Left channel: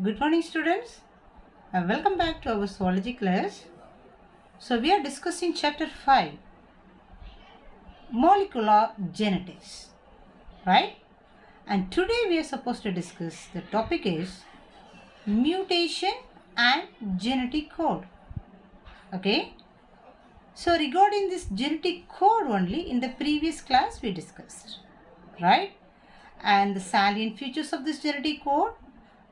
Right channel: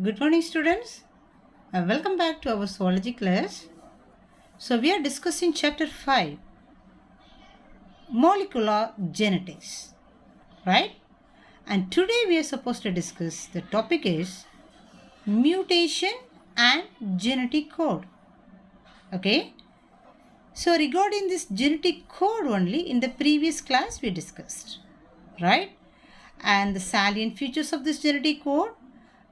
Good morning, students, and welcome back to our zoology class. So, we are discussing chapter 5 molecular genetics, right? And today we are supposed to discuss the topic is mutation and genetic code. Okay, so regarding this genetic code only in the previous class we discussed, right? And the salient features of this genetic code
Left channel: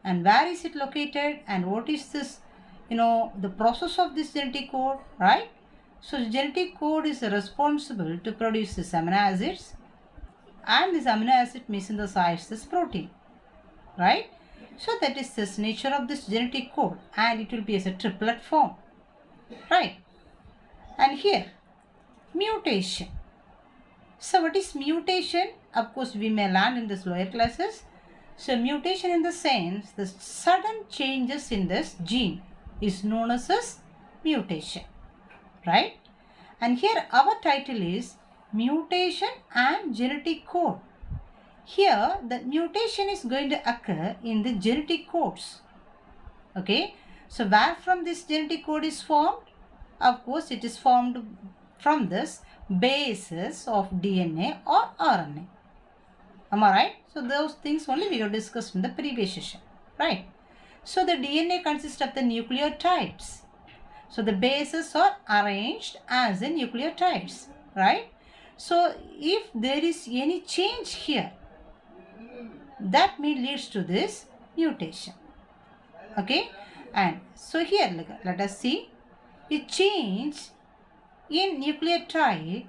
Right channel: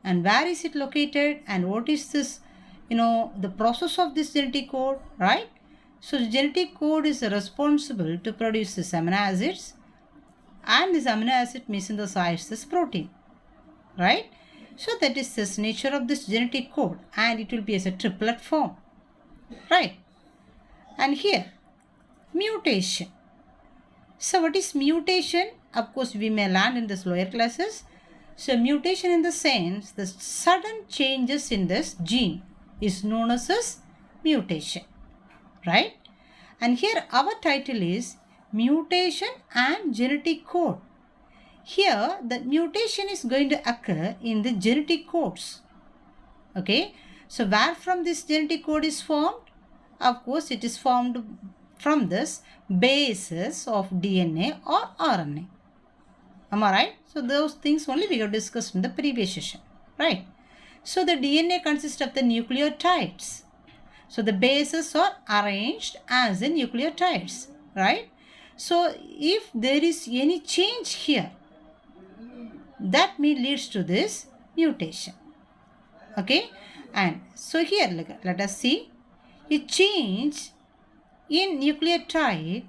and where is it located and what is this, the process of this genetic code, right? So the genetic code is responsible to produce this amino acids and this amino acid may synthesize this protein, right? So that is this nature of this genetic code and it will be as a triplet form, right? And here mutation. So what is mutation? Of course we may learn in this lower classes. So mutation in the sense the sudden changes in this gene is known as mutation, right? And here our title is mutation and genetic code. Here the mutation is going to occur in the genetic codes. Okay, so where from this genetic code is formed? Of course it is formed from this bases of DNA or RNA. Am I right? So those things only we have discussed in the previous session, right? So the DNA consists of the nucleotides. So the bases are arranged as the nucleotides, right? So if there is any change here, that may leads to this mutation. Okay, and so here let us see a change in nucleotide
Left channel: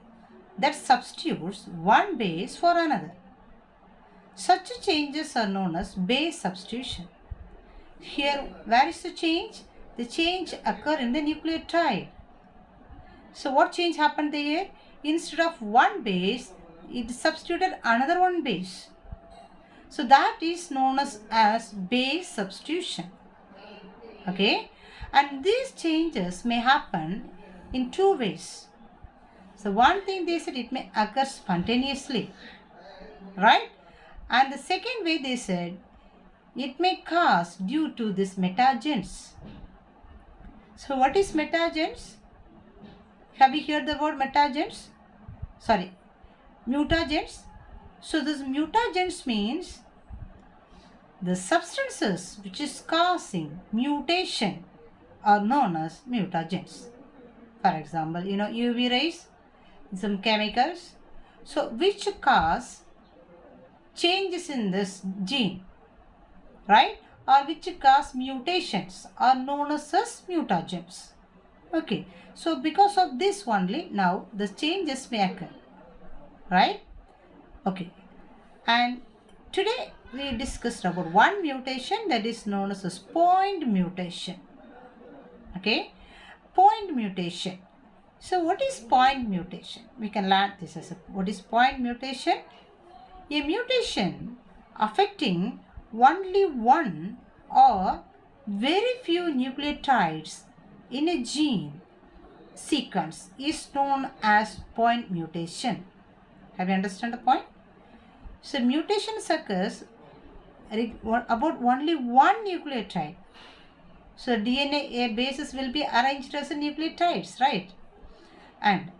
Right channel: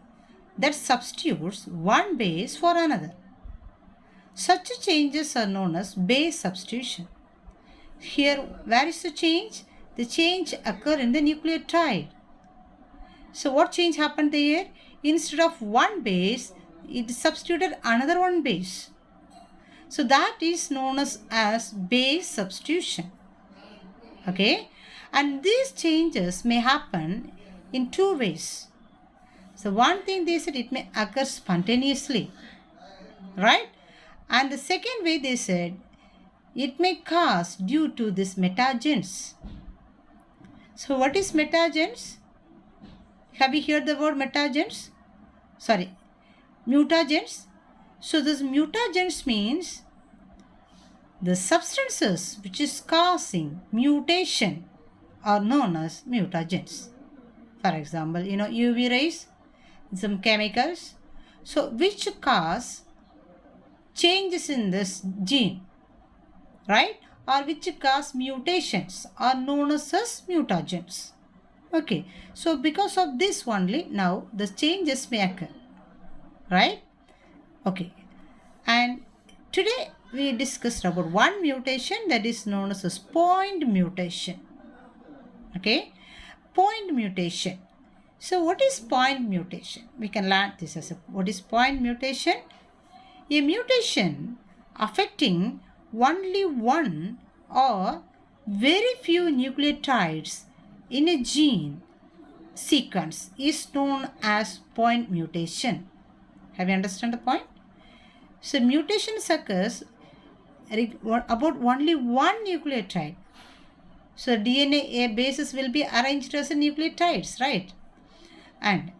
that substitutes one base for another. Such changes are known as base substitution. Here, where is the change? The change occur in the nucleotide. So what change happened there? Instead of one base, it substituted another one base. So that is known as base substitution. Okay, and these changes may happen in two ways. So one thing they said it may occur spontaneously, right? And the second way they said it may cause due to this mutagens. So what is mutagens? Have you heard the word mutagens? Sorry, mutagens. So this mutagens means the substances which is causing mutation are known as mutagens. For example, UV rays, some chemicals. So which cause changes in this gene, right? Or which cause mutations are known as mutagens. Okay, so because of this only now the changes may occur, right? Okay, and today we discussed about one mutation that is known as point mutation. Okay, point mutation. So what is point mutation? We can learn this as what is point mutation? A mutation affecting only one or very few nucleotides in a gene sequence is known as point mutation. Have you understand the point? So mutation occurs about only one nucleotide. So DNA bases will be arranged as nucleotides, right? And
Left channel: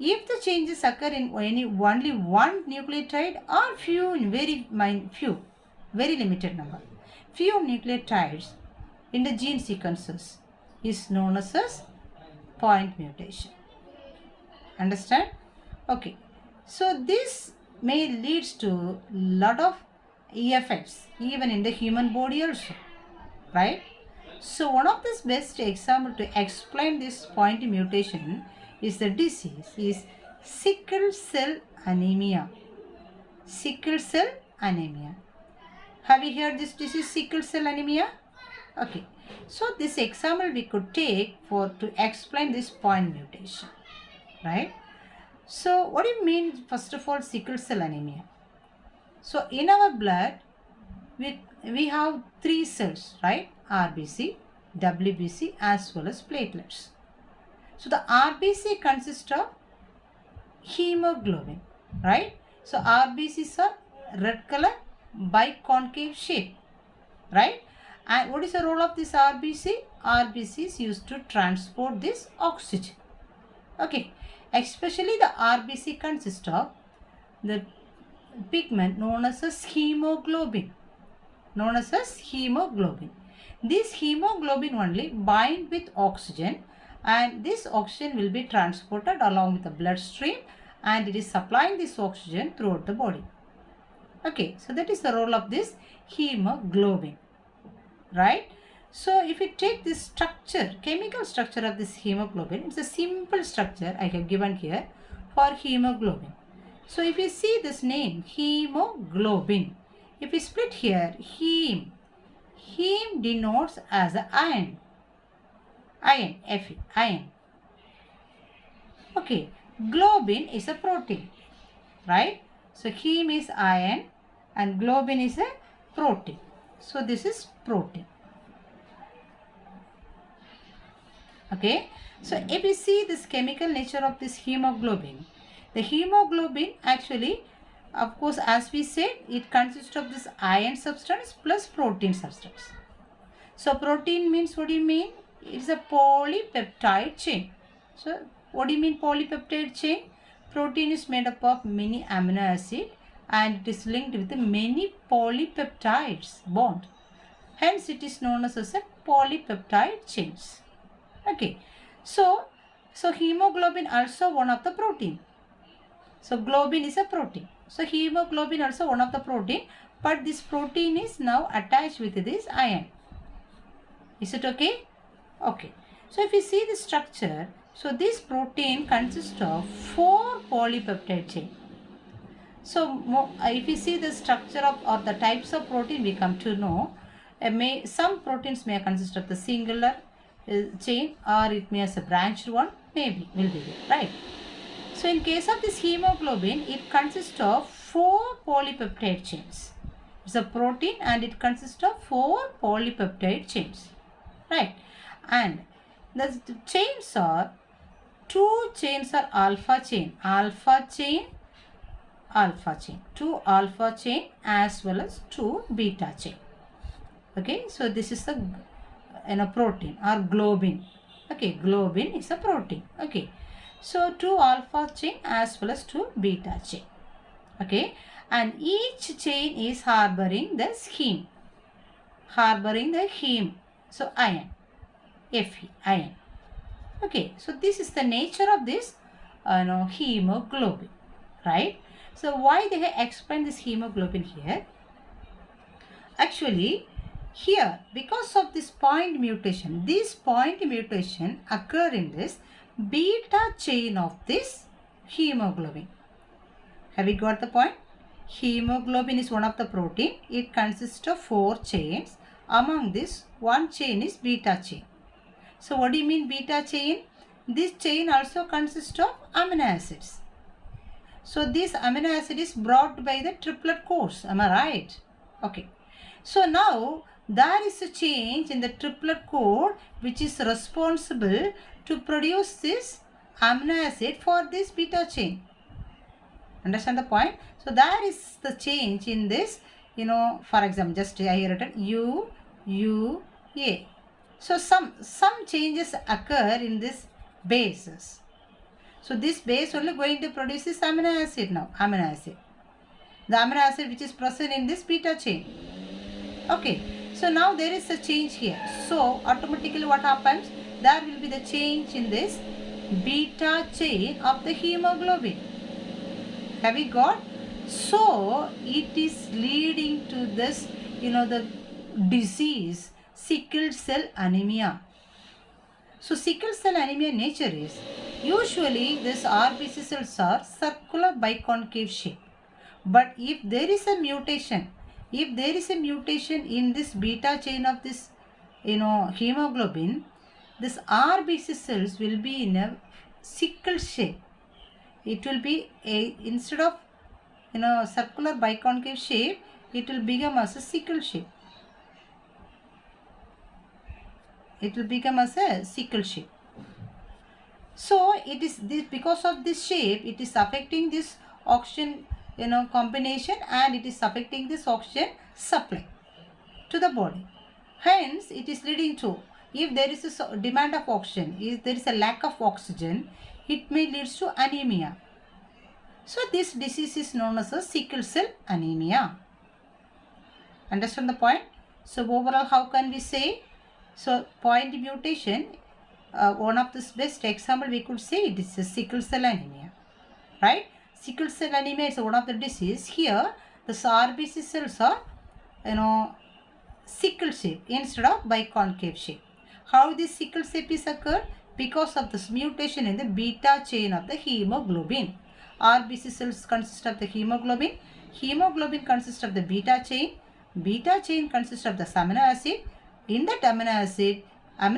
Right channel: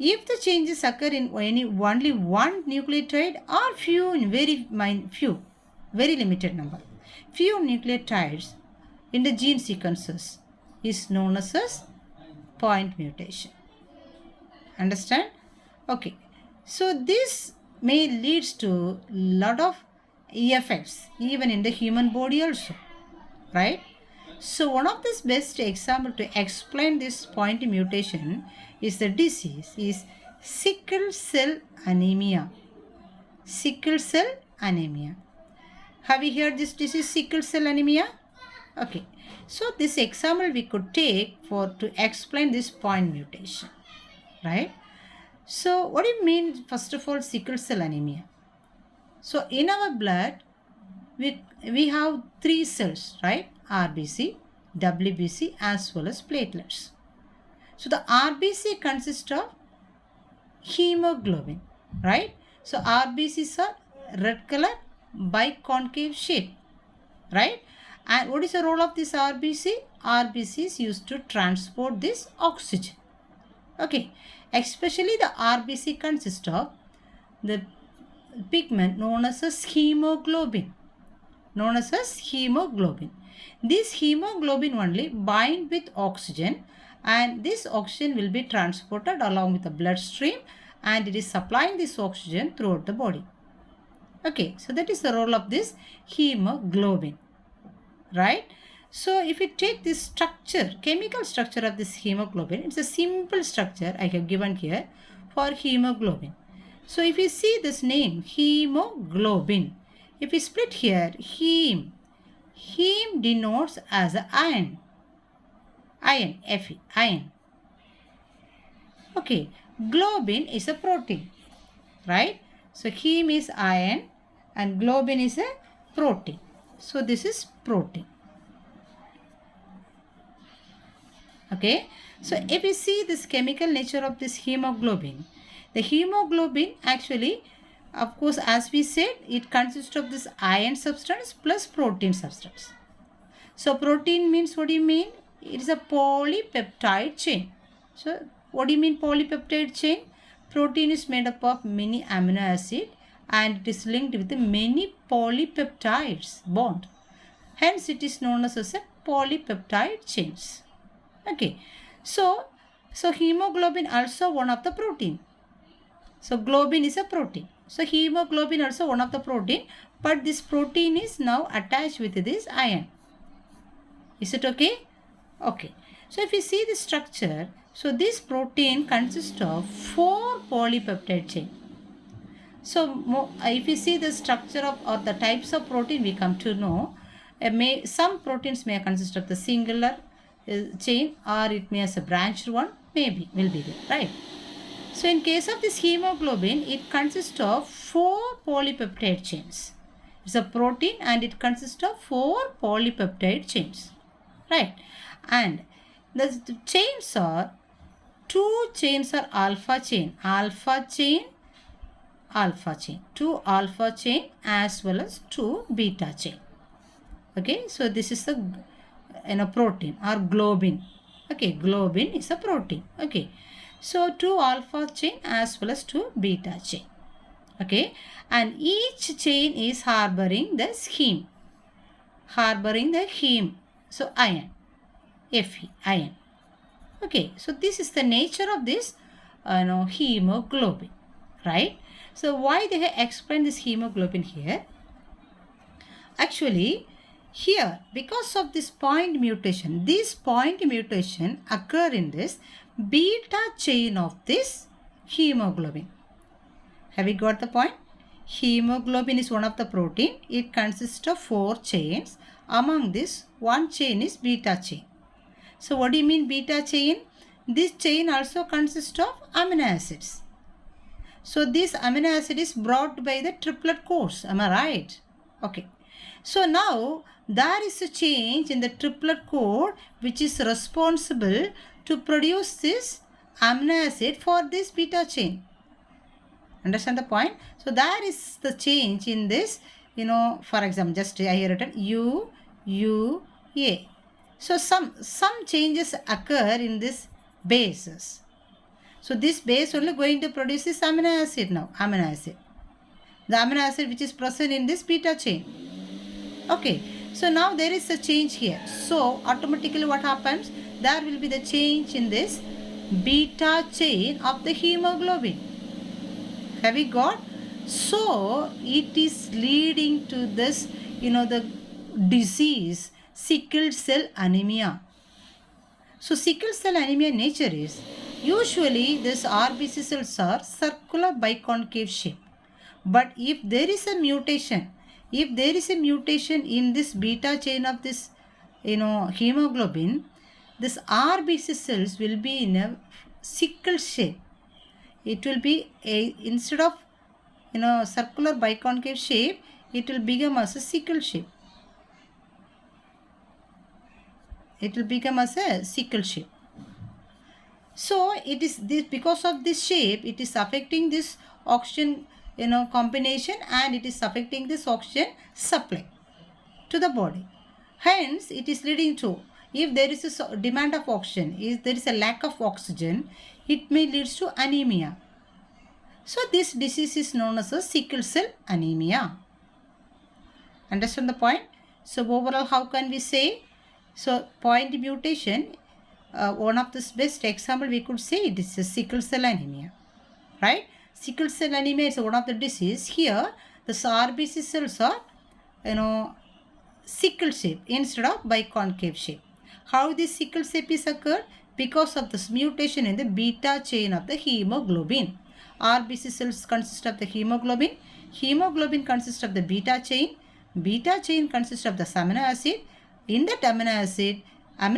if the changes occur in only one nucleotide or very limited number, few nucleotides in the gene sequences is known as point mutation. Understand? Okay. So this may leads to lot of effects even in the human body also, right? So one of the best example to explain this point mutation is the disease is sickle cell anemia. Sickle cell anemia. Have you heard this disease, sickle cell anemia? Okay. So this example we could take to explain this point mutation, right? So what do you mean first of all sickle cell anemia? So in our blood we have three cells, right? RBC, WBC as well as platelets. So the RBC consists of hemoglobin, right? So RBCs are red color biconcave shape, right? And what is the role of this RBC? RBC is used to transport this oxygen. Okay, especially the RBC consists of the pigment known as hemoglobin. This hemoglobin only bind with oxygen, and this oxygen will be transported along with the bloodstream, and it is supplying this oxygen throughout the body. Okay, so that is the role of this hemoglobin, right? So if you take this structure, chemical structure of this hemoglobin, it's a simple structure I have given here for hemoglobin. So if you see this name, hemoglobin, if we split here, heme denotes as a iron, Fe, iron. Okay, globin is a protein, right? So heme is iron and globin is a protein. So this is protein. Okay, so if we see this chemical nature of this hemoglobin, the hemoglobin actually, of course, as we said, it consists of this iron substance plus protein substance. So protein means, what do you mean? It is a polypeptide chain. So what do you mean polypeptide chain? Protein is made up of many amino acids and it is linked with many polypeptides bond. Hence it is known as a polypeptide chains. Okay, so hemoglobin also one of the protein. So globin is a protein. So hemoglobin also one of the protein, but this protein is now attached with this iron. Is it okay? Okay. So if you see the structure, so this protein consists of 4 polypeptide chain. So if you see the structure of or the types of protein, we come to know some proteins may consist of the singular chain, or it may as a branched one, maybe will be there, right? So in case of this hemoglobin, it consists of 4 polypeptide chains. It's a protein and it consists of 4 polypeptide chains, right? And the chains are, 2 chains are alpha chain, 2 alpha chain as well as 2 beta chain. Okay, so this is the protein or globin. Okay, globin is a protein. Okay, so 2 alpha chain as well as 2 beta chain. Okay, and each chain is harboring the heme. So iron, Fe, iron. Okay, so this is the nature of this hemoglobin, right? So why they have explained this hemoglobin here? Actually, here, because of this point mutation occur in this beta chain of this hemoglobin. Have you got the point? Hemoglobin is one of the protein. It consists of 4 chains. Among this, one chain is beta chain. So what do you mean beta chain? This chain also consists of amino acids. So this amino acid is brought by the triplet course. Am I right? Okay. So now there is a change in the triplet code which is responsible to produce this amino acid for this beta chain. Understand the point? So there is the change in this, for example, just I have written U, A. So some changes occur in this bases. So this base only going to produce this amino acid now, the amino acid which is present in this beta chain. Okay, so now there is a change here. So automatically what happens? There will be the change in this beta chain of the hemoglobin. Have we got? So it is leading to this, the disease, sickle cell anemia. So sickle cell anemia nature is, usually this RBC cells are circular biconcave shape. But if there is a mutation, in this beta chain of this, hemoglobin, this RBC cells will be in a sickle shape. It will be instead of circular biconcave shape, it will become as a sickle shape. So it is this, because of this shape, it is affecting this oxygen combination, and it is affecting this oxygen supply to the body. Hence, it is leading to, if there is a demand of oxygen, if there is a lack of oxygen, it may lead to anemia. So, this disease is known as a sickle cell anemia. Understand the point? So, overall, how can we say? So, point mutation, one of the best example we could say it is a sickle cell anemia, right? Sickle cell anemia is one of the disease. Here, the RBC cells are, sickle shape instead of biconcave shape. How this sickle shape is occurred? Because of this mutation in the beta chain of the hemoglobin. RBC cells consist of the hemoglobin. Hemoglobin consists of the beta chain. Beta chain consists of the amino acid. In that amino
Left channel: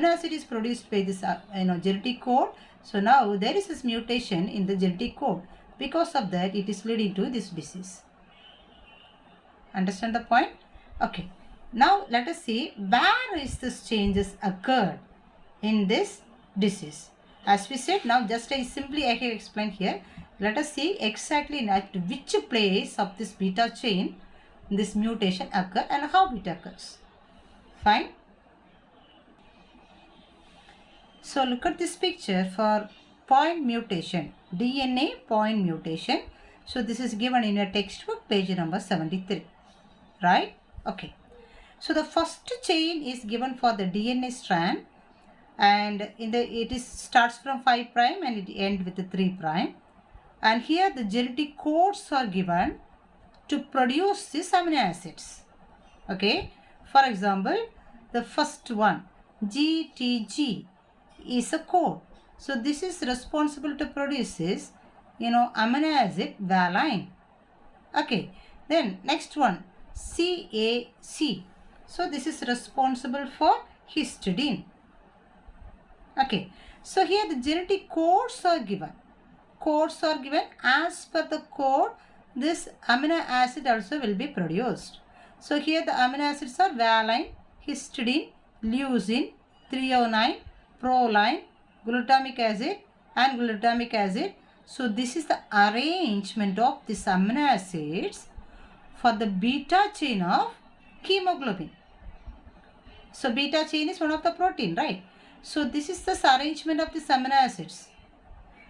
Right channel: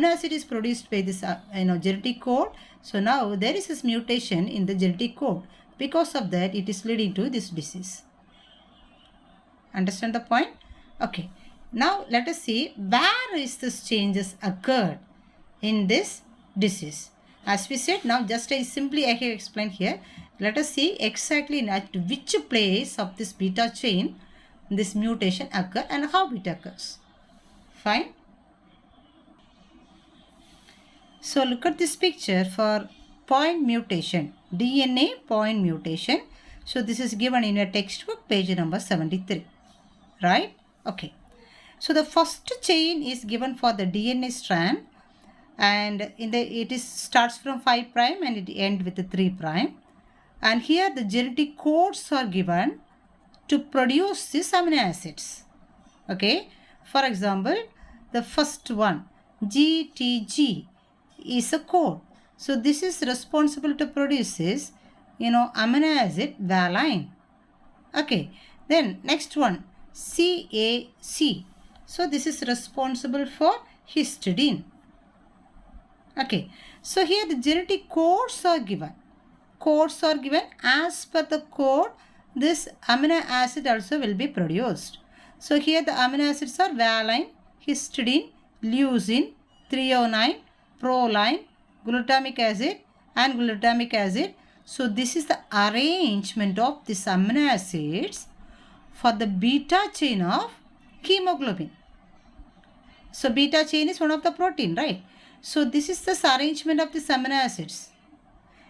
acid is produced by this genetic code. So now there is this mutation in the genetic code. Because of that, it is leading to this disease. Understand the point? Okay. Now let us see where is this changes occurred in this disease. As we said, now just I simply have explained here. Let us see exactly at which place of this beta chain this mutation occur and how it occurs. Fine. So look at this picture for point mutation, DNA point mutation. So this is given in a textbook, page number 73. Right? Okay. So the first chain is given for the DNA strand, and it starts from 5 prime and it ends with the 3 prime. And here the genetic codes are given to produce these amino acids. Okay. For example, the first one, GTG, is a code. So this is responsible to produce this, amino acid valine. Okay. Then next one, CAC. So this is responsible for histidine. Okay. So here the genetic codes are given. Codes are given. As per the code, this amino acid also will be produced. So here the amino acids are valine, histidine, leucine, threonine, proline, glutamic acid and glutamic acid. So this is the arrangement of these amino acids for the beta chain of hemoglobin. So beta chain is one of the protein, right? So this is the arrangement of these amino acids.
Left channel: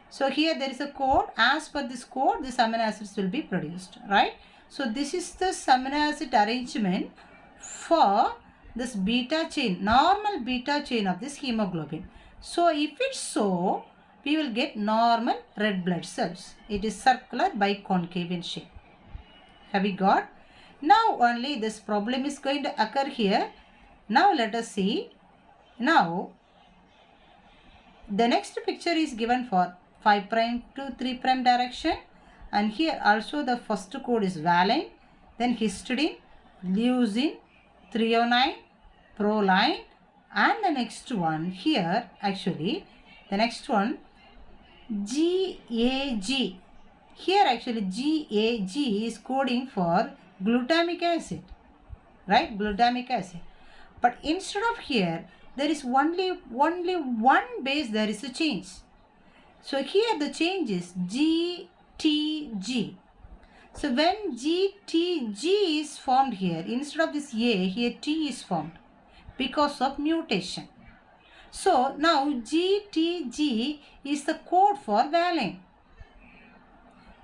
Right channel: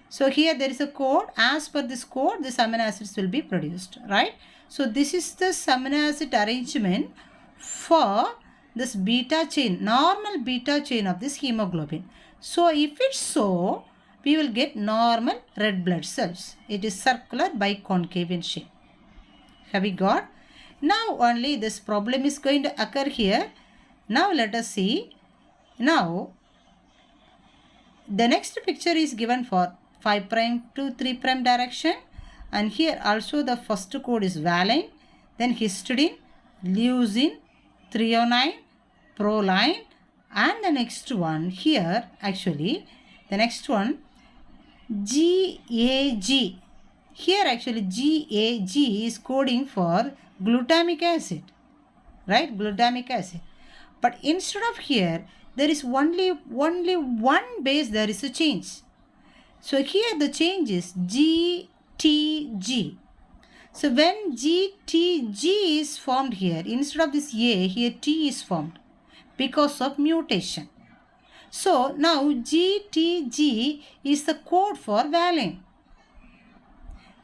So here there is a code. As per this code, these amino acids will be produced, right? So this is the amino acid arrangement for this beta chain, normal beta chain of this hemoglobin. So if it's so, we will get normal red blood cells. It is circular biconcave in shape. Have we got? Now only this problem is going to occur here. Now let us see. Now the next picture is given for 5 prime to 3 prime direction, and here also the first code is valine, then histidine, leucine, threonine, proline, and the next one here actually the next one GAG. Here actually GAG is coding for glutamic acid, right? Glutamic acid. But instead of here, there is only one base, there is a change. So here the change is GTG. So when GTG is formed here, instead of this A, here T is formed because of mutation. So now GTG is the code for valine.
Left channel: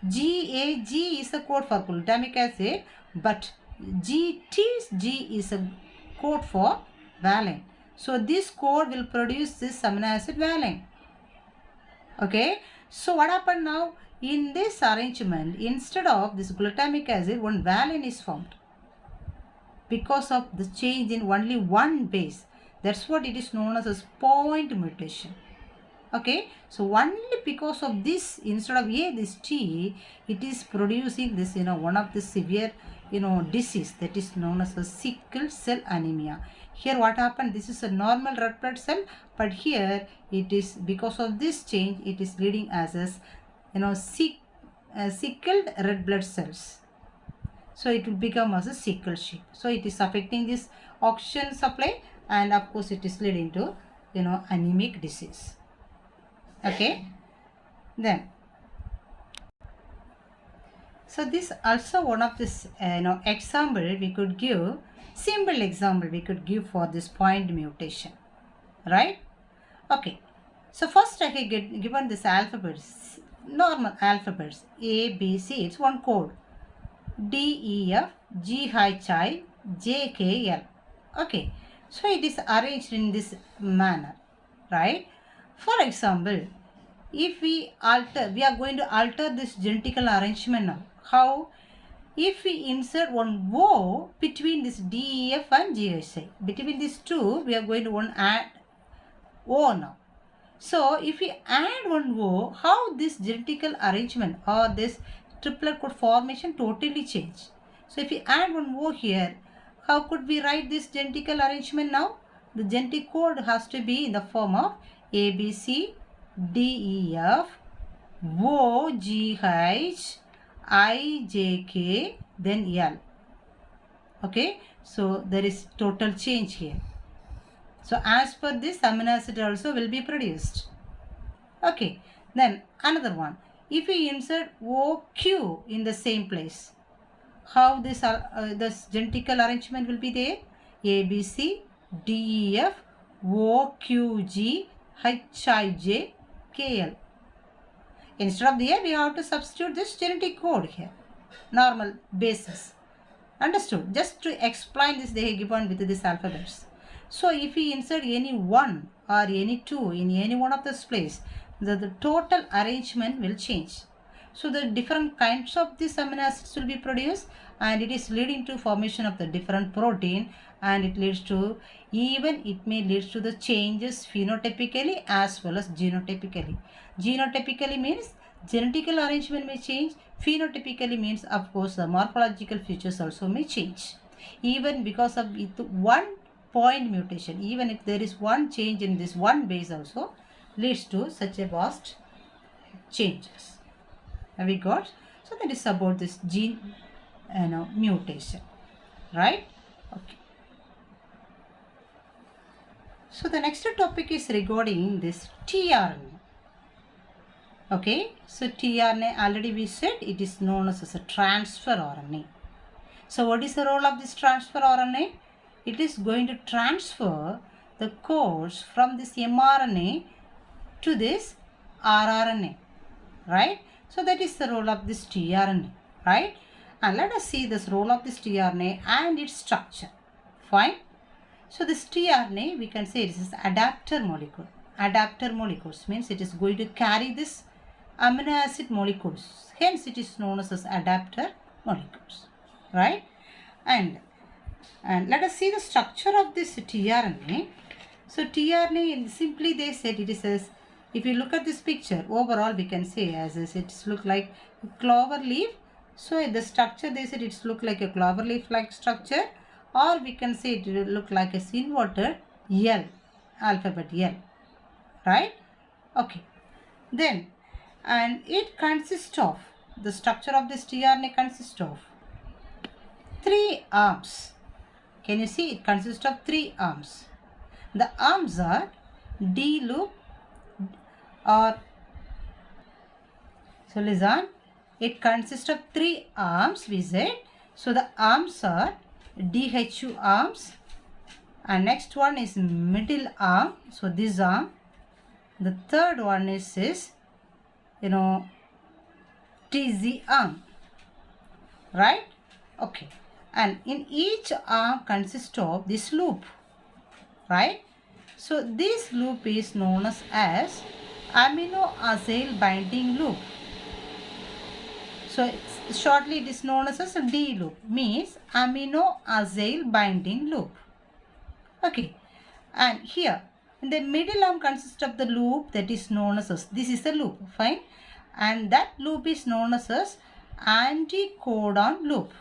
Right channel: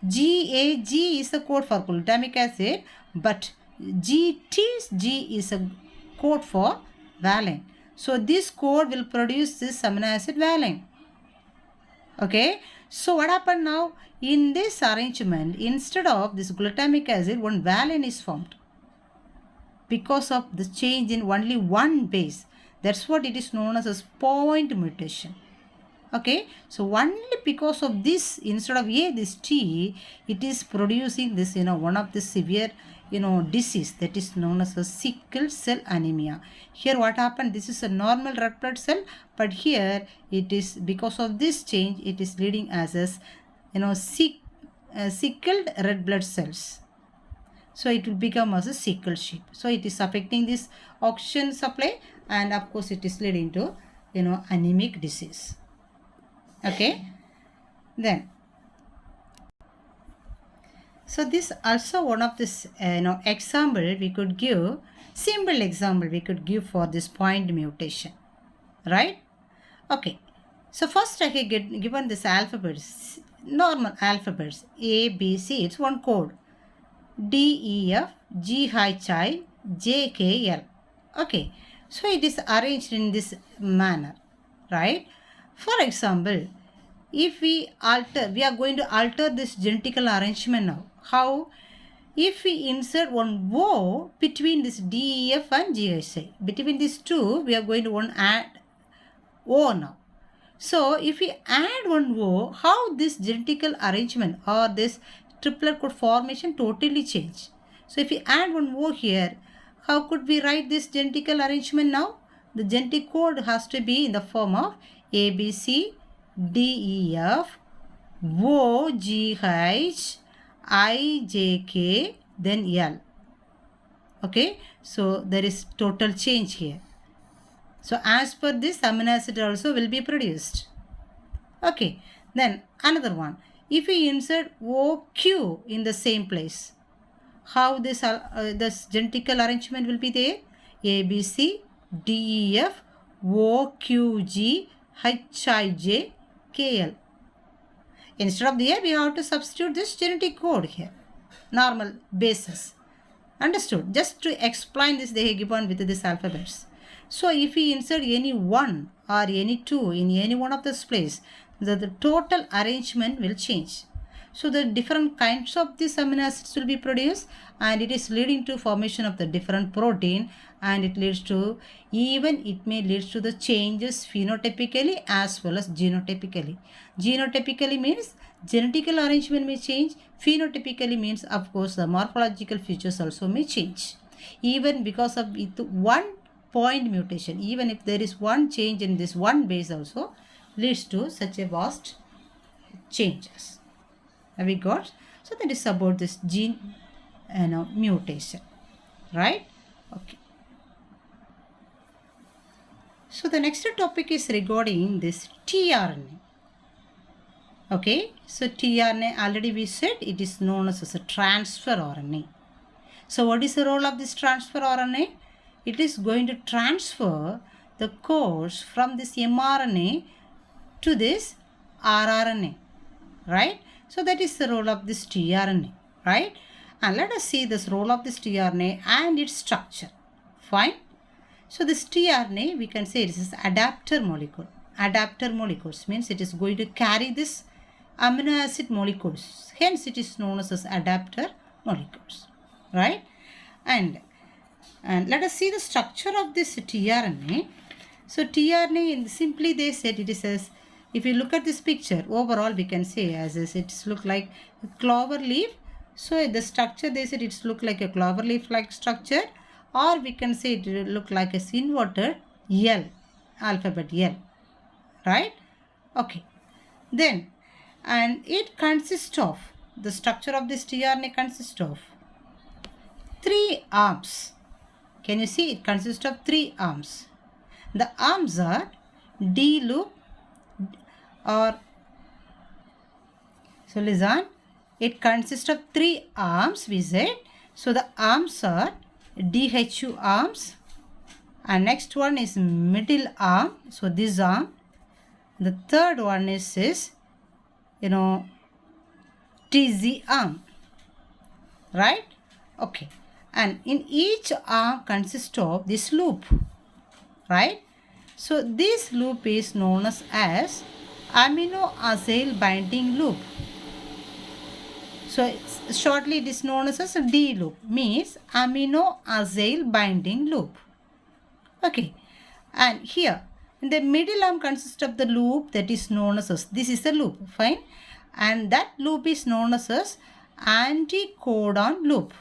GAG is the code for glutamic acid, but GTG is a code for valine. So this code will produce this amino acid valine. Okay. So what happened now? In this arrangement, instead of this glutamic acid, one valine is formed because of the change in only one base. That's what it is known as point mutation. Okay. So only because of this, instead of A, this T, it is producing this, one of the severe, disease that is known as a sickle cell anemia. Here what happened? This is a normal red blood cell, but here it is because of this change, it is leading as a, sickled red blood cells. So it will become as a sickle shape. So it is affecting this oxygen supply, and of course it is leading to, anemic disease. Okay. Then, so this also one of this, example we could give. Simple example we could give for this point mutation, right? Okay, so first I have given this alphabets, normal alphabets A, B, C. It's one code. D, E, F, G, H, I, J, K, L. Okay, so it is arranged in this manner, right? For example, if we are going to alter this genetical arrangement now. How? If we insert one O between this D, E, F and G, H, I. Between these two, we are going to add O now. So if we add one O, how this genetical arrangement or this triplet code formation totally change. So if we add one O here, how could we write this genetical arrangement now? The genetic code has to be in the form of A, B, C, D, E, F, O, G, H, I, J, K, then L. Okay, so there is total change here. So as per this, amino acid also will be produced. Okay, then another one. If we insert OQ in the same place, how this genetical arrangement will be there? A, B, C, D, E, F, O, Q, G, H, I, J, K, L. Instead of there, we have to substitute this genetic code here. Normal basis. Understood? Just to explain this, they have given with this alphabets. So if we insert any one or any two in any one of this place, the total arrangement will change. So the different kinds of these amino acids will be produced, and it is leading to formation of the different protein, and it leads to, even it may lead to the changes phenotypically as well as genotypically. Genotypically means genetical arrangement may change. Phenotypically means, of course, the morphological features also may change. Even because of one point mutation, even if there is one change in this one base also leads to such a vast changes. Have we got? So that is about this gene mutation, right? Okay. So the next topic is regarding this tRNA. Okay, so tRNA, already we said it is known as a transfer RNA. So what is the role of this transfer RNA? It is going to transfer the codes from this mRNA to this rRNA, right? So that is the role of this tRNA, right? And let us see this role of this tRNA and its structure. Fine. So this tRNA, we can say it is adapter molecule. Adapter molecules means it is going to carry this amino acid molecules. Hence it is known as adapter molecules, right? And let us see the structure of this tRNA. So tRNA, simply they said it is as, if you look at this picture, overall we can say as it's look like a clover leaf. So the structure they said it's look like a clover leaf like structure, or we can say it will look like a inverted L, alphabet L, right? Okay. Then, and it consists of, the structure of this tRNA consists of 3 arms. Can you see? It consists of 3 arms. The arms are D loop, or, so listen, it consists of 3 arms we said. So the arms are DHU arms, and next one is middle arm, so this arm. The third one is TZ arm, right? Okay. And in each arm consists of this loop, right? So this loop is known as amino acyl binding loop. So shortly it is known as a D loop, means amino acyl binding loop. Okay. And here in the middle arm consists of the loop that is known as, this is a loop, fine, and that loop is known as anticodon loop.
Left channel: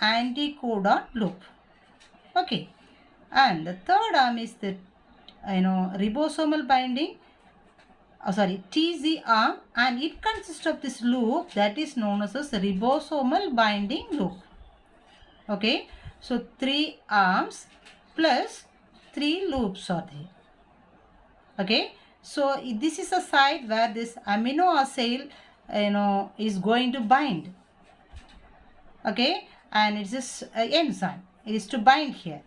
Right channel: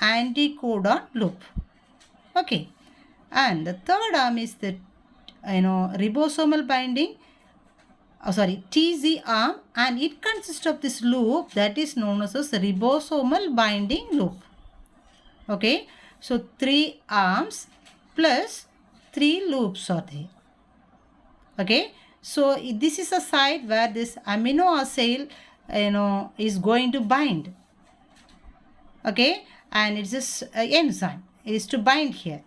Anticodon loop. Okay. And the third arm is the ribosomal binding, TZ arm, and it consists of this loop that is known as ribosomal binding loop. Okay. So 3 arms plus 3 loops are there. Okay. So this is a site where this amino acyl is going to bind. Okay. And it's this enzyme. it is to bind here.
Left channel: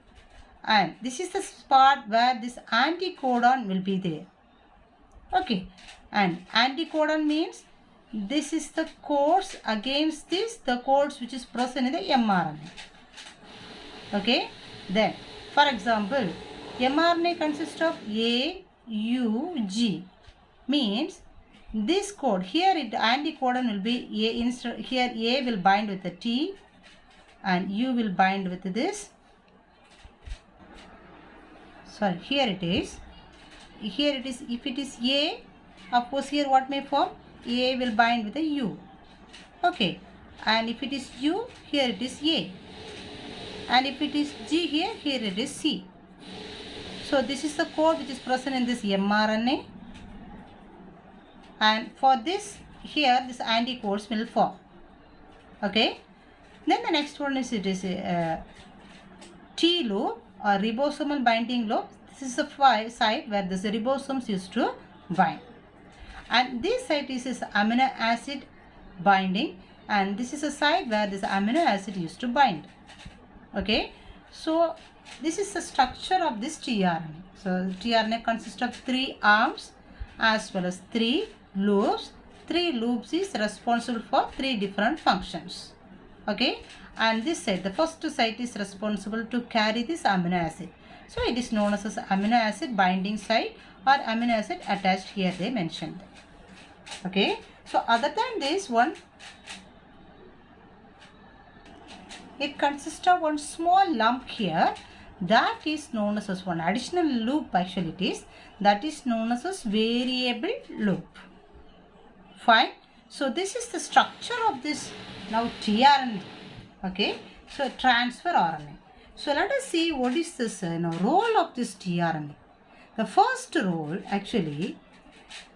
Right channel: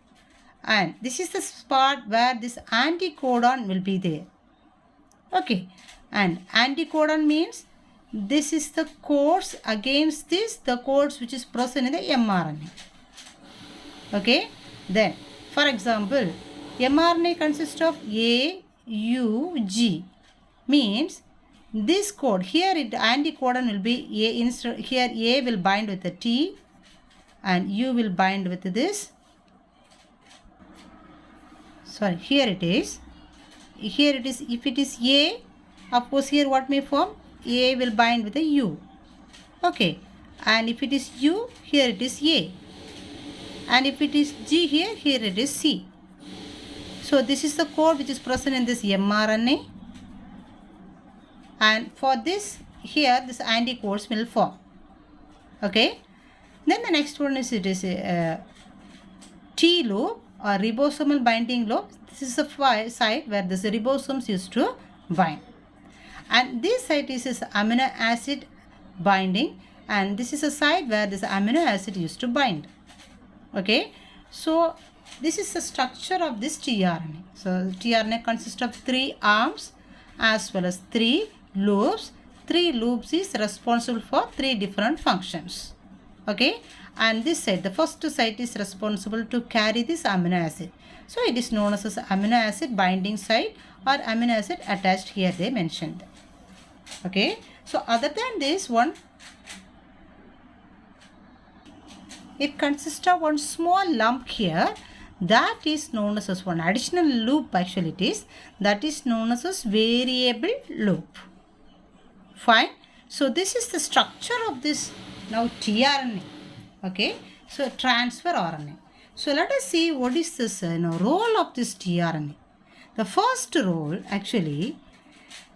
And this is the spot where this anticodon will be there. Okay, and anticodon means this is the codes against this, the codes which is present in the mRNA. Okay, then for example, mRNA consists of A, U, G, means this code here, anticodon will be A, instead here A will bind with the T and U will bind with this. Sorry, here it is. Here it is, if it is A, of course here what may form? A will bind with a U. Okay, and if it is U, here it is A. And if it is G here, here it is C. So this is the code which is present in this mRNA. And for this, here this anticodes will form. Okay. Then the next one is, it is T loop or ribosomal binding loop. This is the site where this ribosomes used to bind. And this site is amino acid binding, and this is a site where this amino acid used to bind. Okay, so this is the structure of this tRNA. So tRNA consists of 3 arms as well as 3 loops. 3 loops is responsible for 3 different functions. Okay, and this site, the first site is responsible to carry this amino acid. So it is known as amino acid binding site or amino acid attached, here they mentioned. Okay, so other than this one, it consists of one small lump here, that is known as one additional loop, actually it is, that is known as variable loop. Fine. So this is the structure of this now tRNA. Okay, so transfer RNA. So let us see what is this role of this tRNA. The first role, actually,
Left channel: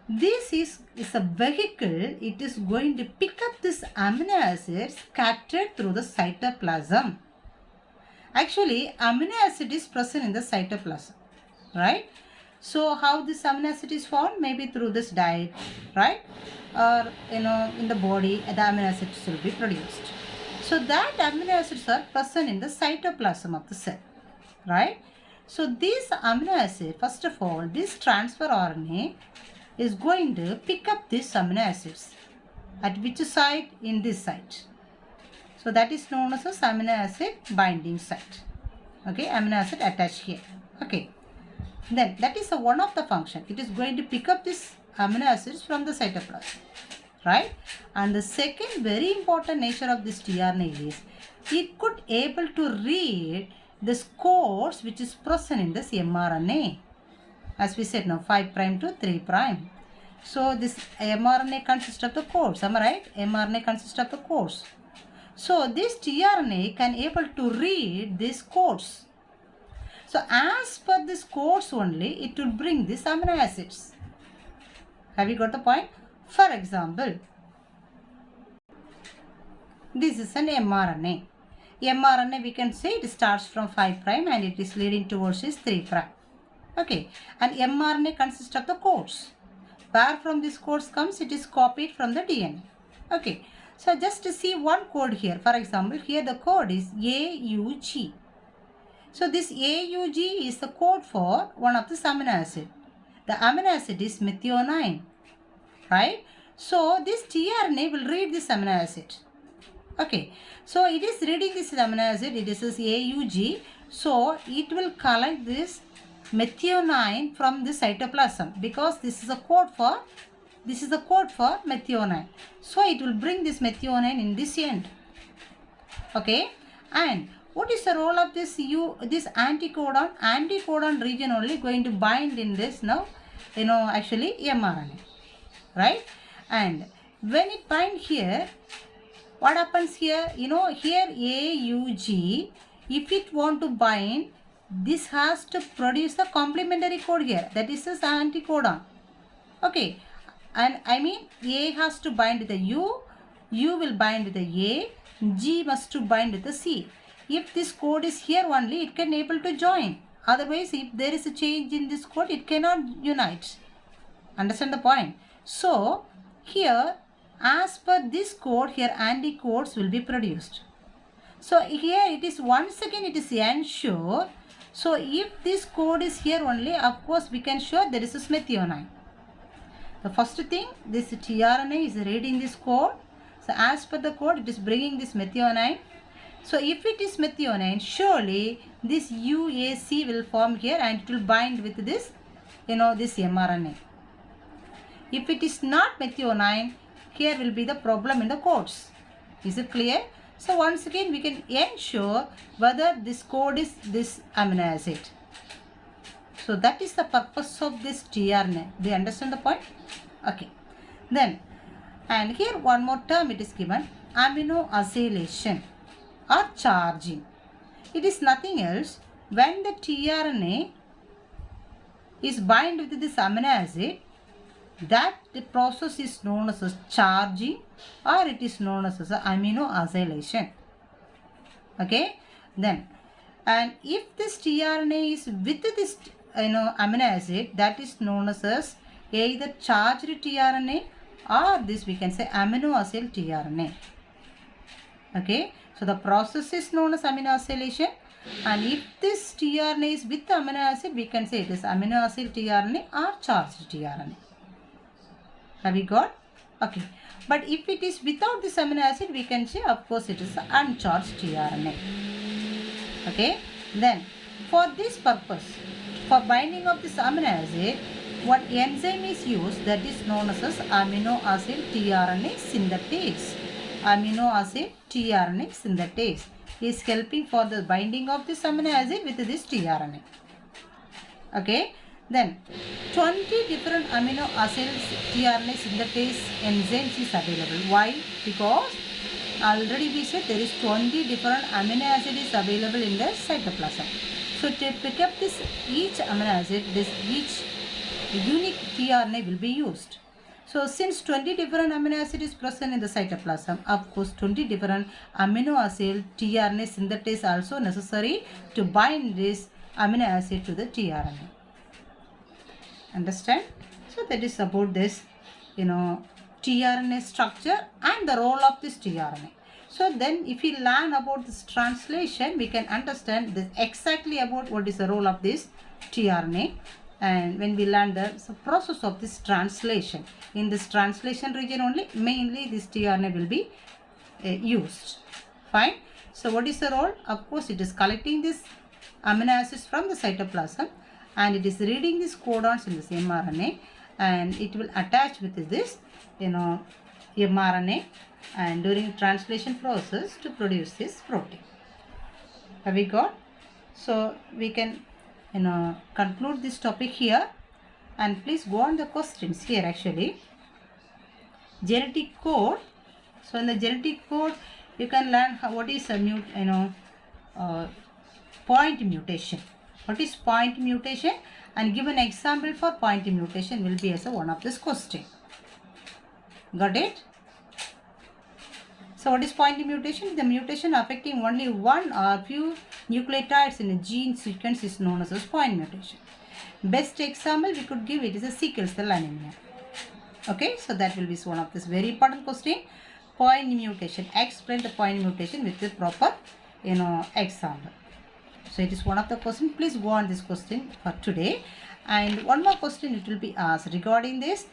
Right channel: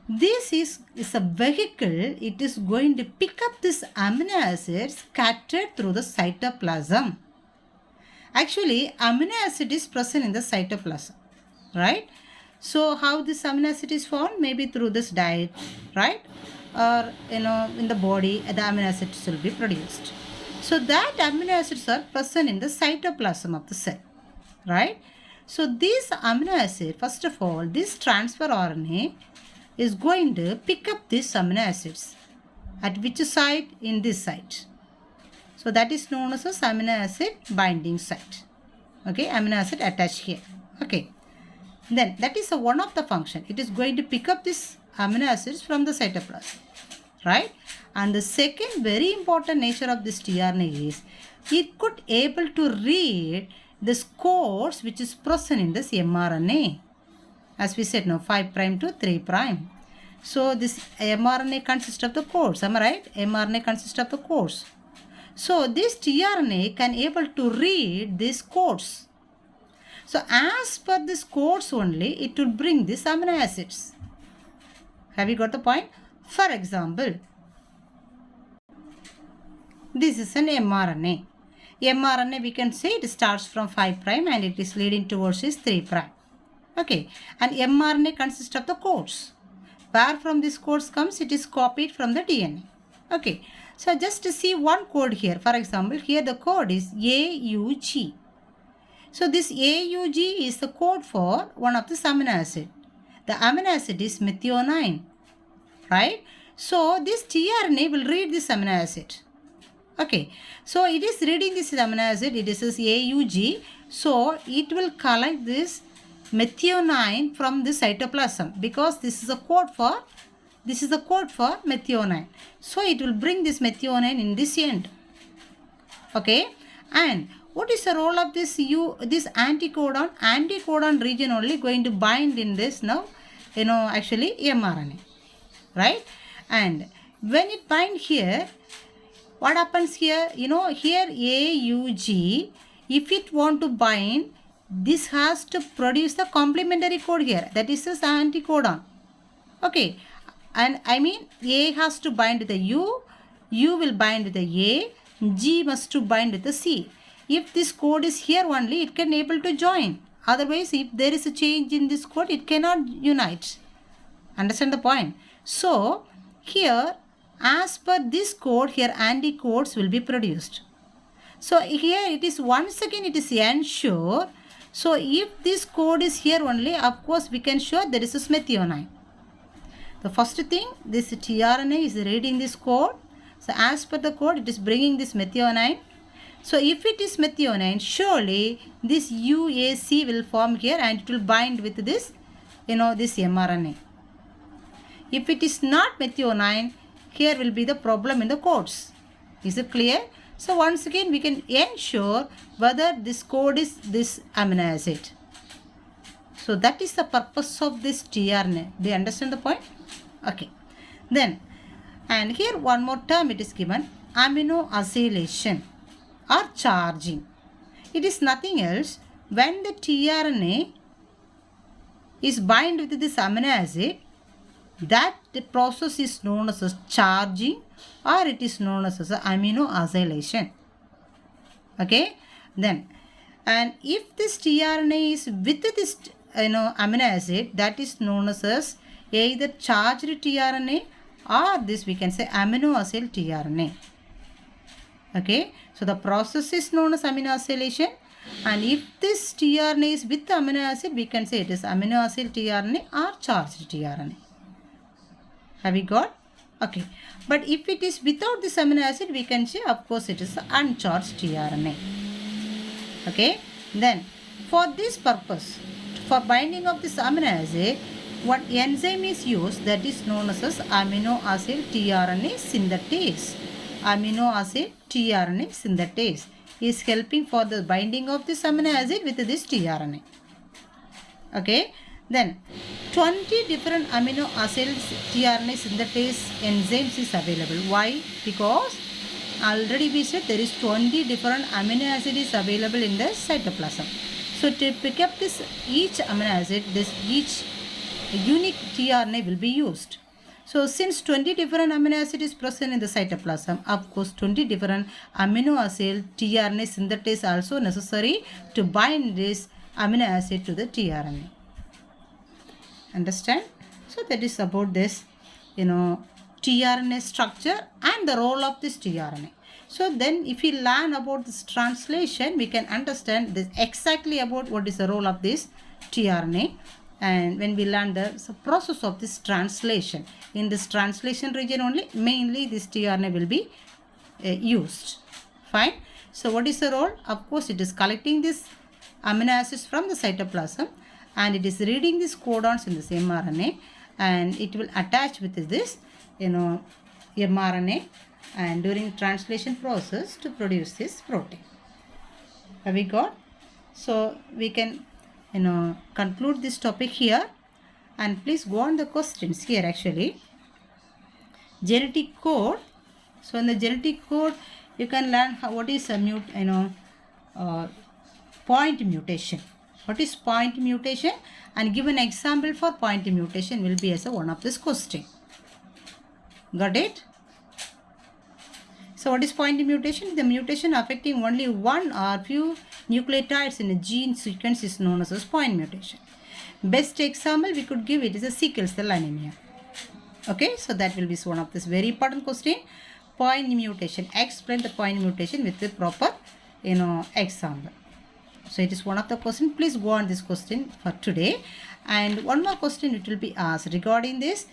this is a vehicle. It is going to pick up this amino acid scattered through the cytoplasm. Actually, amino acid is present in the cytoplasm, right? So how this amino acid is formed? Maybe through this diet, right? Or in the body, the amino acids will be produced. So that amino acids are present in the cytoplasm of the cell, right? So this amino acid, first of all, this transfer RNA is going to pick up these amino acids. At which site? In this site. So that is known as amino acid binding site. Okay, amino acid attached here. Okay. Then that is one of the function. It is going to pick up this amino acids from the cytoplasm. Right? And the second very important nature of this tRNA is it could able to read this codes which is present in this mRNA. As we said now, 5' to 3'. So this mRNA consists of the codes. Am I right? mRNA consists of the codes. So this tRNA can able to read these codes. So as per this codes only, it will bring these amino acids. Have you got the point? For example, this is an mRNA. mRNA, we can say it starts from 5' and it is leading towards this 3'. Okay, and mRNA consists of the codes. Where from this codes comes, it is copied from the DNA. Okay, so just to see one code here. For example, here the code is AUG. So this AUG is the code for one of the amino acid. The amino acid is methionine, right? So this tRNA will read this amino acid. Okay, so it is reading this amino acid. It is AUG. So it will collect this methionine from the cytoplasm, because this is a code for methionine. So it will bring this methionine in this end. Okay, and what is the role of this anticodon? Anticodon region only going to bind in this now, actually mRNA, right? And when it bind here, what happens here? Here AUG, if it want to bind, this has to produce the complementary code here. That is this anticodon. Okay, and I mean A has to bind with the U will bind with the A, G must to bind with the C. If this code is here only, it can able to join. Otherwise, if there is a change in this code, it cannot unite. Understand the point? So, here, as per this code, here anticodes will be produced. So here it is once again it is ensure. So if this code is here only, of course we can show there is a methionine. The first thing, this tRNA is reading this code. So as per the code, it is bringing this methionine. So if it is methionine, surely this UAC will form here and it will bind with this, this mRNA. If it is not methionine, here will be the problem in the codes. Is it clear? So once again, we can ensure whether this code is this amino acid. So that is the purpose of this tRNA. Do you understand the point? Okay. Then, and here one more term it is given, amino acylation or charging. It is nothing else. When the tRNA is bind with this amino acid, that the process is known as charging or it is known as amino acylation. Okay. Then, and if this tRNA is with this amino acid, that is known as either charged tRNA or this we can say amino acyl tRNA. Okay. So the process is known as amino acylation, and if this tRNA is with amino acid, we can say it is amino acyl tRNA or charged tRNA. Have we got? Okay. But if it is without this amino acid, we can say of course it is uncharged tRNA. Okay. Then for this purpose, for binding of this amino acid, what enzyme is used, that is known as amino acid tRNA synthetase. Amino acid tRNA synthetase is helping for the binding of this amino acid with this tRNA. Okay. Then 20 different amino acid tRNA synthetase enzymes is available. Why? Because already we said there is 20 different amino acid is available in the cytoplasm. So to pick up this each amino acid, this each unique tRNA will be used. So since 20 different amino acid is present in the cytoplasm, of course 20 different amino acid tRNA synthetase also necessary to bind this amino acid to the tRNA. Understand? So that is about this, tRNA structure and the role of this tRNA. So then if we learn about this translation, we can understand this exactly about what is the role of this tRNA. And when we learn the process of this translation, in this translation region only, mainly this tRNA will be used. Fine. So what is the role? Of course, it is collecting this amino acids from the cytoplasm and it is reading these codons in this mRNA, and it will attach with this, mRNA, and during translation process to produce this protein. Have we got? So we can conclude this topic here, and please go on the questions here actually. Genetic code. So in the genetic code you can learn what is a point mutation. What is point mutation, and give an example for point mutation will be as one of this question. Got it? So what is point mutation? The mutation affecting only one or few nucleotides in a gene sequence is known as point mutation. Best example we could give it is a sickle cell anemia. Okay, so that will be one of this very important question. Point mutation. Explain the point mutation with the proper example. So it is one of the question. Please go on this question for today. And one more question it will be asked regarding this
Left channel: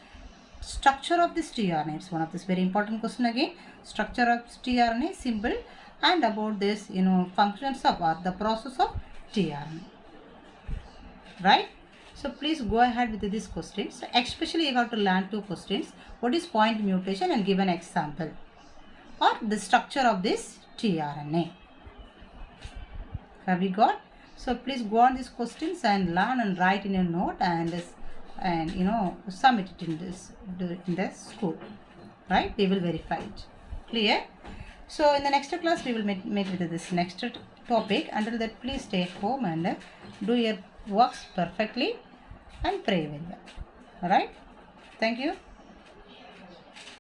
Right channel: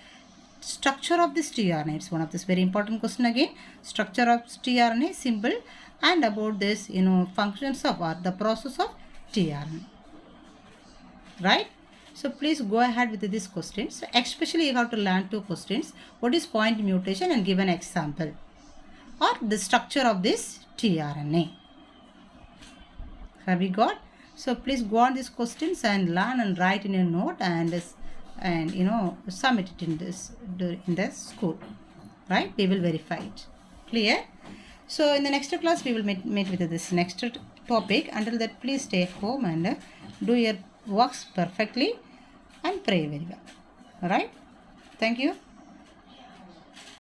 structure of this tRNA. It's one of this very important question again. Structure of tRNA, symbol, and about this functions of or the process of tRNA. Right? So please go ahead with this question. So especially you have to learn two questions. What is point mutation and give an example, or the structure of this tRNA. Have we got? So please go on these questions and learn and write in a note and submit it in the school. Right? We will verify it. Clear? So in the next class we will meet with this next topic. Until that, please stay at home and do your works perfectly and pray very well. Alright? Thank you.